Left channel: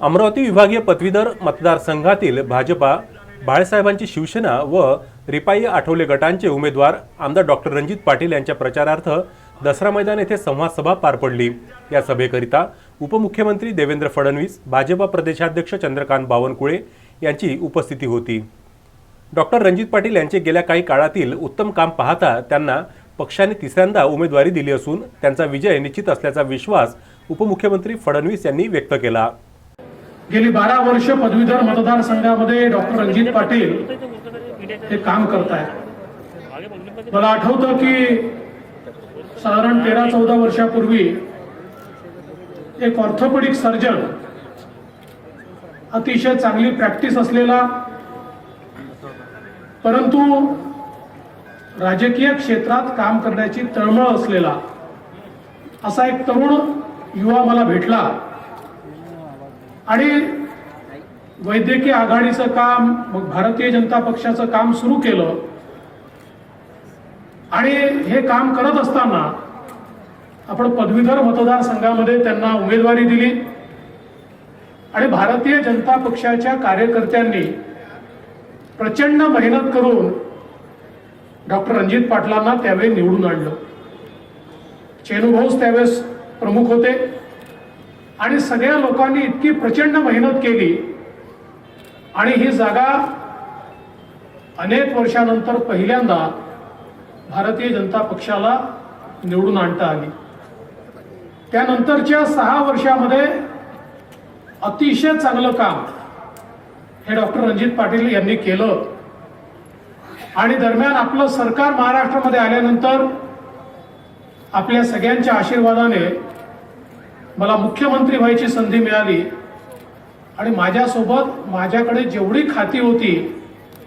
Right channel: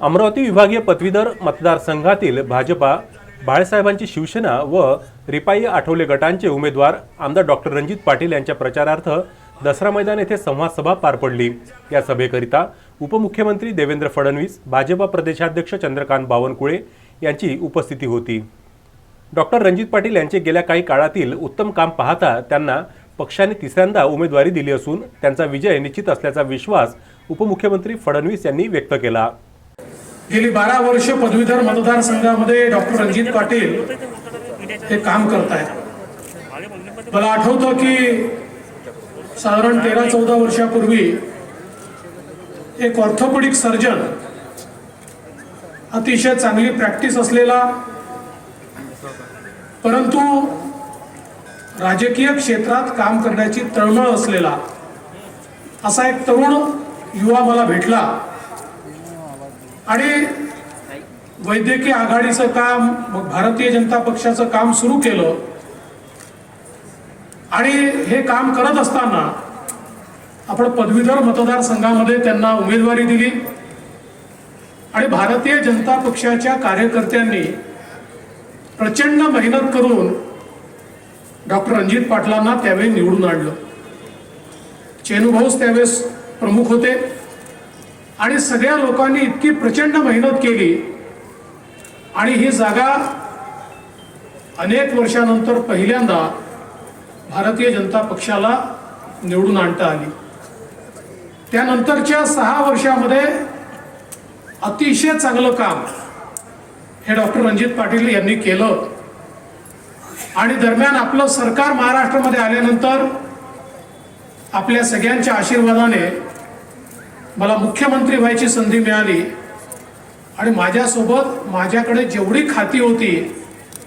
अमरावती विभागीय पदवीधर मतदारसंघातील भाजपा बाळासाहेबांची शिवसेना व रिपाई आठवले गटांचे उमेदवार आमदार डॉक्टर रणजित पाटील यांच्या प्रचारार्थ दसरा मैदान येथे संवाद सभा पार पडली. या सभेकरिता उपमुख्यमंत्री देवेंद्र फडणवीस भाजपा प्रदेशाध्यक्ष चंद्रकांत बावनकुळे यांची उपस्थिती होती. डॉक्टर रणजित पाटील यांचे गेल्या काही काळातील उत्तम काम पाहता त्यांना पक्षाने तिसऱ्यांदा उमेदवारी दिली असून त्यांचा विजय निश्चित असल्याचा विश्वास उपमुख्यमंत्री फडणवीस यांनी व्यक्त केला. गेली बारा वर्ष पदवीधर मतदारसंघामध्ये डॉक्टर रणजित पाटील हे काम करत आहेत मला आठवतं की साधारण तेरा चौदा वर्षापूर्वी एक ऑर्थोपेडिक सर्जन अतिशय चांगली प्रॅक्टिस असलेला परंतु राजकीय क्षेत्रात काम करण्याची तळमळ असलेला असा एक तरुण युवा मला भेटला. आणि वैद्यकीय आघाडीचं काम मग भारतीय जनता पक्षाचं काम सुरू केलं. आणि हे काम करत असताना आपण पदवीधर मतदारसंघामध्ये त्यांना उमेदवारी दिली. आणि भारतीय जनता पक्षाच्या कार्यकर्त्यांनी प्रचंड मेहनत करून डॉक्टर रणजित पाटलांना त्यावेळी निवडून आणलं. चेनुभाऊस त्यावेळेस प्रमुख होते. आणि सगळ्या लोकांनी इतकी प्रचंड मेहनत केली. आणि ही जागा अनेक वर्षानंतर पहिल्यांदा भारतीय जनता पक्षाला निवडून आणता आली. त्यानंतरच्या सहा वर्षामध्ये अतिशय चांगलं काम हे डॉक्टर रणजित पाटील यांनी केलं. आणि दरम्यान आपलं सरकार महाराष्ट्रामध्ये आल्यानंतर आपल्या सगळ्यांच्या आशीर्वादाने मला मुख्यमंत्री व्हायची संधी मिळाली. आणि माझ्यासोबत माझ्याकडे जेवढी खाती होती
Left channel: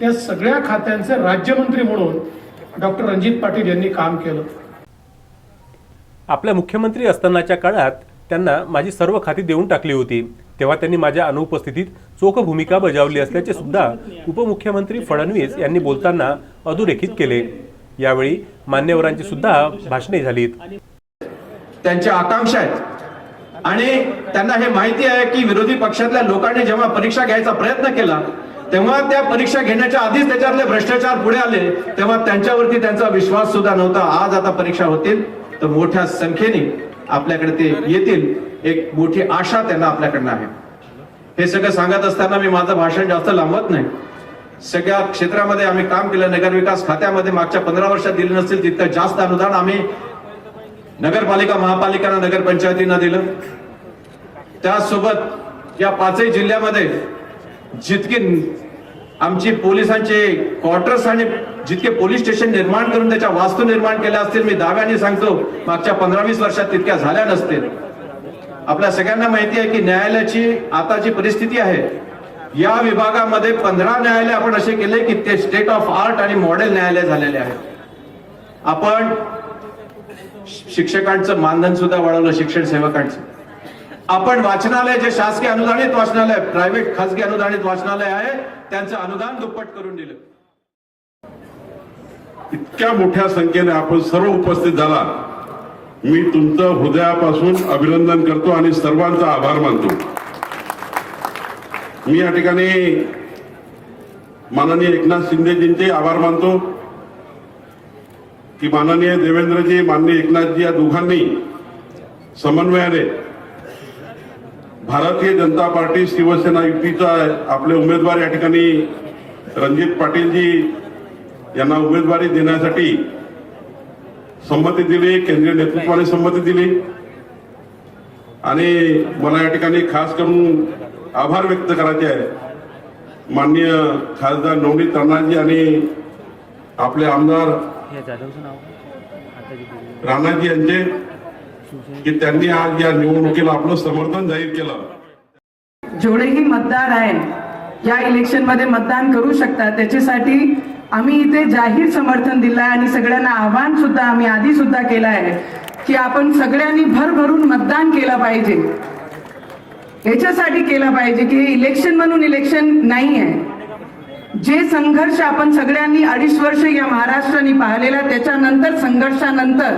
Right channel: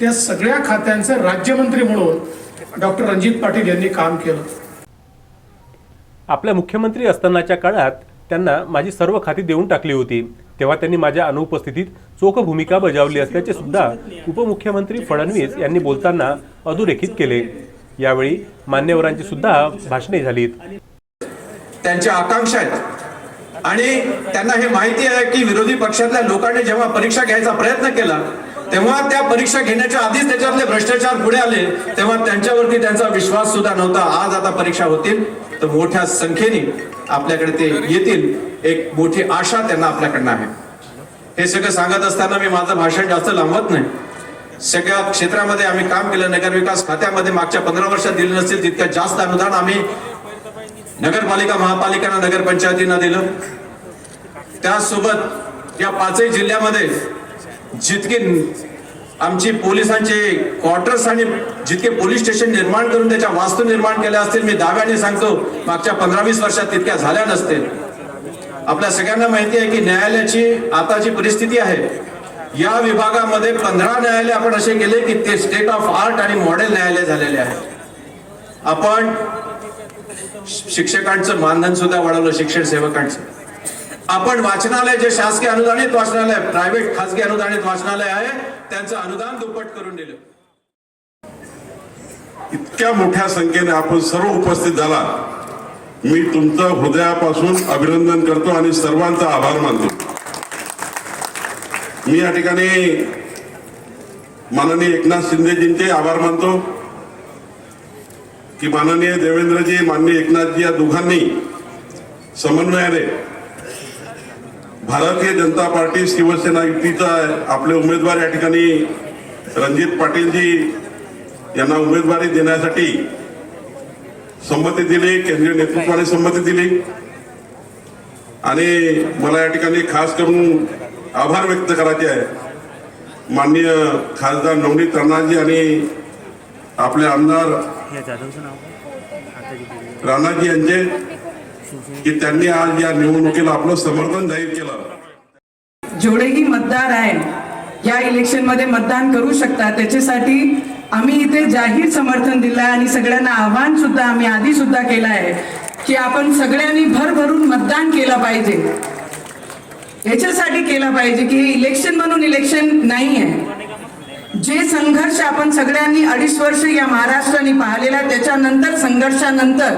त्या सगळ्या खात्यांचे राज्यमंत्री म्हणून डॉक्टर रणजित पाटील यांनी काम केलं. आपल्या मुख्यमंत्री असतानाच्या काळात त्यांना माझी सर्व खाती देऊन टाकली होती. तेव्हा त्यांनी माझ्या अनुपस्थितीत चोख भूमिका बजावली असल्याचे सुद्धा उपमुख्यमंत्री फडणवीस यांनी बोलताना अधोरेखित केले. यावेळी मान्यवरांची सुद्धा भाषणे झालीत. त्यांच्या आकांक्षा आहेत आणि त्यांना हे माहिती आहे की विरोधी पक्षातल्या लोकांनी जेव्हा परीक्षा घ्यायचा प्रयत्न केला तेव्हा त्या परीक्षा घेण्याच्या आधीच त्याच्यातले भ्रष्टाचार पुढे आले तेव्हा त्यांच्यावरती त्यांचा विश्वास सुद्धा नव्हता. आज आता परीक्षा होतील तर मोठ्या संख्येने आपल्याकडे ते येतील. एक मोठी आशा त्यांना आपल्याकडनं आहे. हे सगळं सांगत असताना मी माझं भाषण जास्त लांबत नाही. सगळ्या क्षेत्रामध्ये आम्ही काम केलं नगरविकास खात्यामध्ये मागच्या पंधरा वर्षात दिले नसतील तितकं जास्त अनुदान आम्ही नगरपालिका महापालिकांना नगरपंचायतींना दिलं. त्यासोबत या पाचही जिल्ह्यामध्ये जितके आमची पोलिसांचे क्वार्टर्स आणि जितके पोलीस स्टेशन निर्माण करून त्याच्या वास्तू निर्माण केल्या असतील मी दागाने सांगतो मागच्या पंधरा वीस वर्षात तितक्या झाल्या नसतील. आपल्या सगळ्यांना माहिती आहे की न्यायालयाची आता जी परिस्थिती आहे या विभागामध्ये पंधरा न्यायालय आपण असे केले की ते स्टेट ऑफ आर्ट आणि मॉडेल न्यायालय झालेले आहे. आपण शिक्षकांचं मानधन सुद्धा वाढवलं शिक्षण सेवकांचं. आपण वाचनालय जे शासकीय अनुदानित वाचनालय प्रायव्हेट खासगी अनुदानित वाचनालय आहे त्यांचं अनुदान दुप्पट करून दिलं. इतक्या मोठ्या संख्येने आपण सर्व उपस्थित झाला. मी तुमचं हृदयापासून अभिनंदन करतो आणि सर्वांचा आभार मानतो. मी या ठिकाणी माननीय एकनाथ शिंदेजींचे आभार मानतो. की माननीय देवेंद्रजी माननीय एकनाथजी या दोघांनी समन्वयाने भारतीय जनता पार्टी शिवसेना युतीचा आपले उमेदवार या ठिकाणी रणजित पाटीलजी यांना उमेदवारी देण्यासाठी संमती दिली केंद्रीय नेतृत्वाने संमती दिली. आणि मला या ठिकाणी खास करून आभार व्यक्त करायचे आहे. माननीय खासदार नवनीत राणाजी आणि आपले आमदार राणाजी यांचे. की त्यांनी आज या निवडणुकीला आपलं समर्थन जाहीर केलं. जेवढेही मतदार आहेत या इलेक्शनमध्ये मतदान करू शकतात त्याच्यासाठी आम्ही इथे जाहीर समर्थन दिलं आणि सगळ्यांना आव्हान सुद्धा आम्ही आधी सुद्धा केलं आहे की आपण सगळ्यांनी भरभरून मतदान केलं पाहिजे. याच्यासाठी केलं पाहिजे की हे इलेक्शन म्हणून इलेक्शन नाही आहे. जे संघर्ष आपण सगळ्यांनी अडीच वर्ष या महाराष्ट्राने पाहिलेला त्याच्यानंतर संघर्षानंतर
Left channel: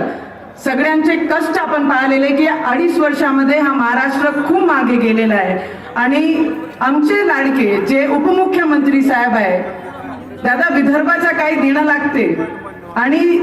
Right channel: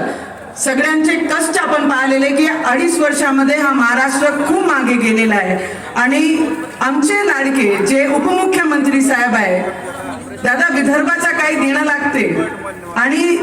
सगळ्यांचे कष्ट आपण पाहिलेले की अडीच वर्षामध्ये हा महाराष्ट्र खूप मागे गेलेला आहे. आणि आमचे लाडके जे उपमुख्यमंत्री साहेब आहे दादा विदर्भाचा काही देणं लागते आणि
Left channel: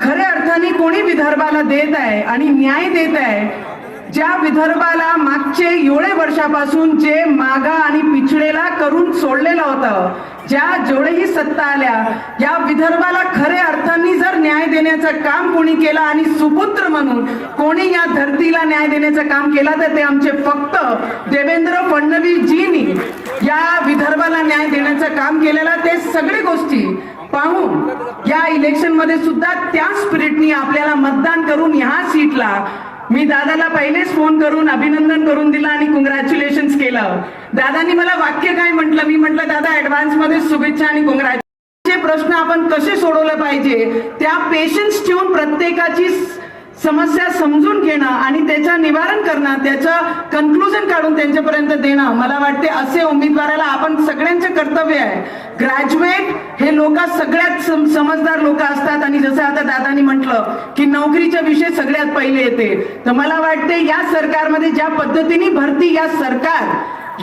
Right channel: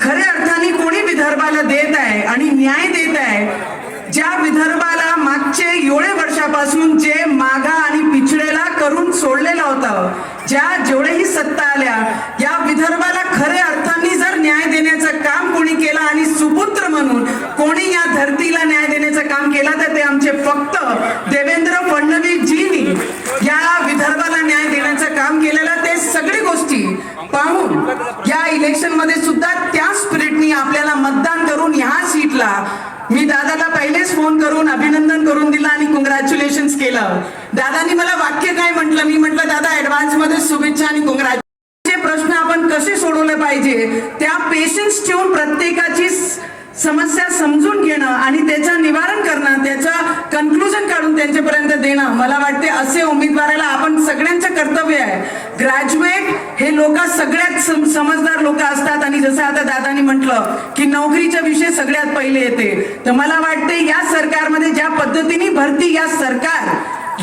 खऱ्या अर्थाने कोणी विदर्भाला देत आहे आणि न्याय देत आहे ज्या विदर्भाला मागचे एवढे वर्षापासून जे मागा आणि पिछडेला करून सोडलेलं होतं ज्या जेवढेही सत्ता आल्या या विदर्भाला खऱ्या अर्थाने जर न्याय देण्याचं काम कोणी केलं आणि सुपुत्र म्हणून कोणी या धरतीला न्याय देण्याचं काम केलं तर ते आमचे फक्त देवेंद्र फडणवीसजीनी या विदर्भाला न्याय देण्याचं काम केलेलं ते सगळी गोष्टी पाहून या इलेक्शनमध्ये सुद्धा त्या स्पिरिटनी आपल्याला मतदान करून ह्या सीटला मी दादा पहिलेच फोन करून अभिनंदन करून दिलं आणि कॉंग्रॅच्युलेशन केलं दादानी मला वाक्य काय म्हटलं मी म्हटलं दादा ऍडव्हान्समध्ये शुभेच्छा आणि कॉंग्रॅच्युलेशन प्रश्न आपण कसे सोडवले पाहिजे त्या पेशन्स ठेवून प्रत्येकाची समस्या समजून घेणं आणि त्याचं निवारण करणं त्याचं कन्क्लुजन काढून त्यांच्यापर्यंत देणं मला वाटते असे उमेदवाराला आपण सगळ्यांचं कर्तव्य आहे. ग्रॅज्युएट हे लोक सगळ्यात सम- समजदार लोक असतात आणि जसं आता दादानी म्हटलं की नोकरीचा विषय सगळ्यात पहिले येते. तर मला वाटते या सरकारमध्ये ज्या पद्धतीने भरती या सरकार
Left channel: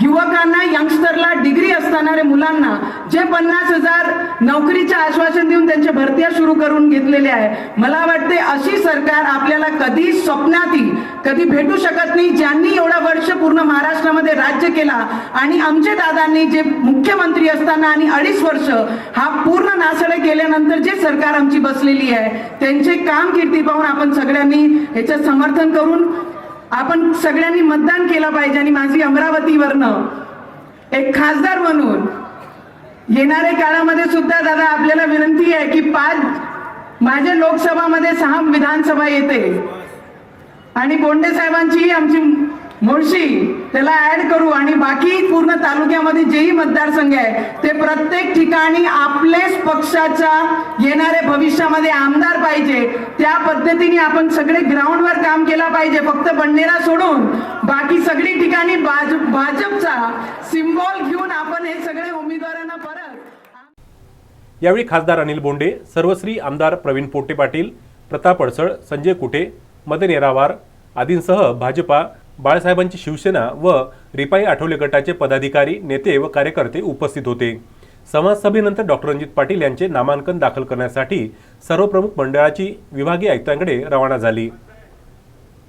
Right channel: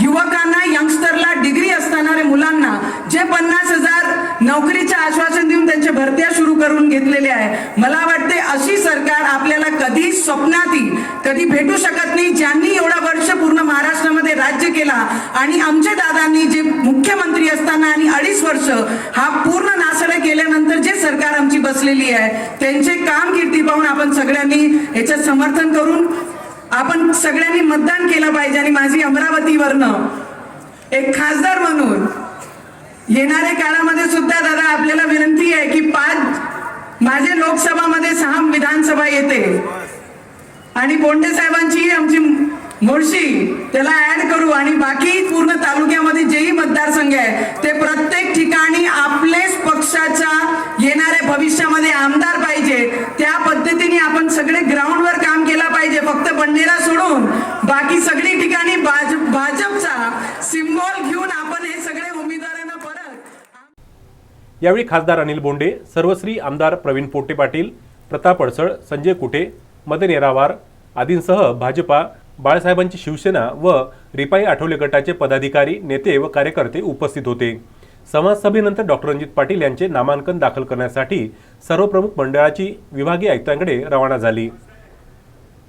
युवकांना यंगस्टरला डिग्री असणाऱ्या मुलांना जे पन्नास हजार नोकरीचे आश्वासन देऊन त्यांच्या भरत्या सुरू करून घेतलेले आहे. मला वाटते अशी सरकार आपल्याला कधी स्वप्नातही कधी भेटू शकत नाही. ज्यांनी एवढा वर्ष पूर्ण महाराष्ट्रामध्ये राज्य केला आणि आमचे दादांनी जे मुख्यमंत्री असताना आणि अडीच वर्ष हा पूर्ण नासडा केल्यानंतर जे सरकार आमची बसलेली आहे त्यांचे कामकीर्ती पाहून आपण सगळ्यांनी याचं समर्थन करून आपण सगळ्यांनी मतदान केलं पाहिजे आणि माझी अमरावतीवरनं एक खासदार म्हणून येणाऱ्या काळामध्ये सुद्धा दादा आपल्याला विनंती आहे की पाच माझे लोकसभामध्ये सहा विधानसभा येते. आणि बोंडे साहेबांची आमची मुळशी त्याला ऍड करू आणि बाकी पूर्ण तालुक्यामध्ये जेही मतदारसंघ आहे ते प्रत्येक ठिकाणी आपलेच पक्षाच्या येणाऱ्या भविष्यामध्ये आमदार पाहिजे. त्या पद्धतीने आपण सगळे ग्राउंडवर बंडेरा सोडून बाकी सगळी ठिकाणी भाजपचा सिम्बॉल घेऊन आपण हे सगळे उमेदवारांना परत यावेळी खासदार अनिल बोंडे सर्वश्री आमदार प्रवीण पोटे पाटील प्रताप अडसळ संजय कुटे मदन येरावार आदींसह भाजपा बाळासाहेबांची शिवसेना व रिपाई आठवले गटाचे पदाधिकारी नेते व कार्यकर्ते उपस्थित होते. समाजसभेनंतर डॉक्टर रणजित पाटील यांचे नामांकन दाखल करण्यासाठी सर्व प्रमुख मंडळाची विभागीय आयुक्तांकडे रवाना झाली.